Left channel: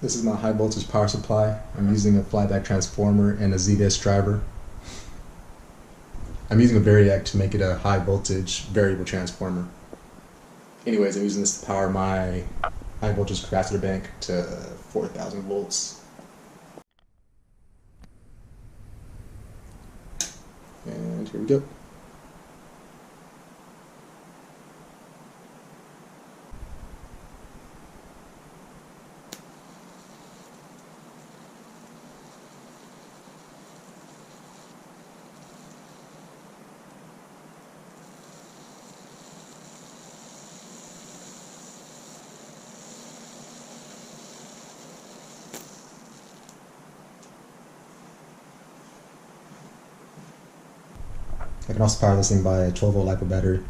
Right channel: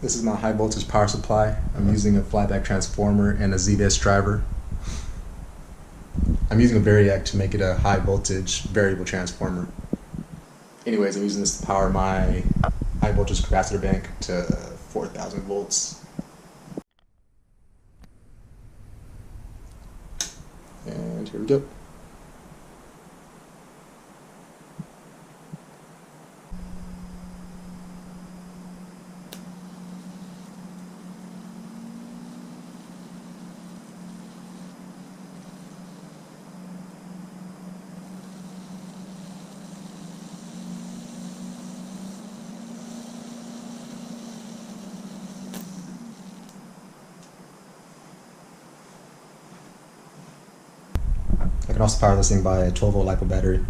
This is my high voltage power supply. I'm using a Flyback Transformer and a ZVS Driver. I'm using a Varic to make it a high voltage variable transformer. Anyways, I'm using this to power my high voltage capacitor bank to 4,000 volts. And here we go. I can also power this thing by a 12 volt LiPo battery.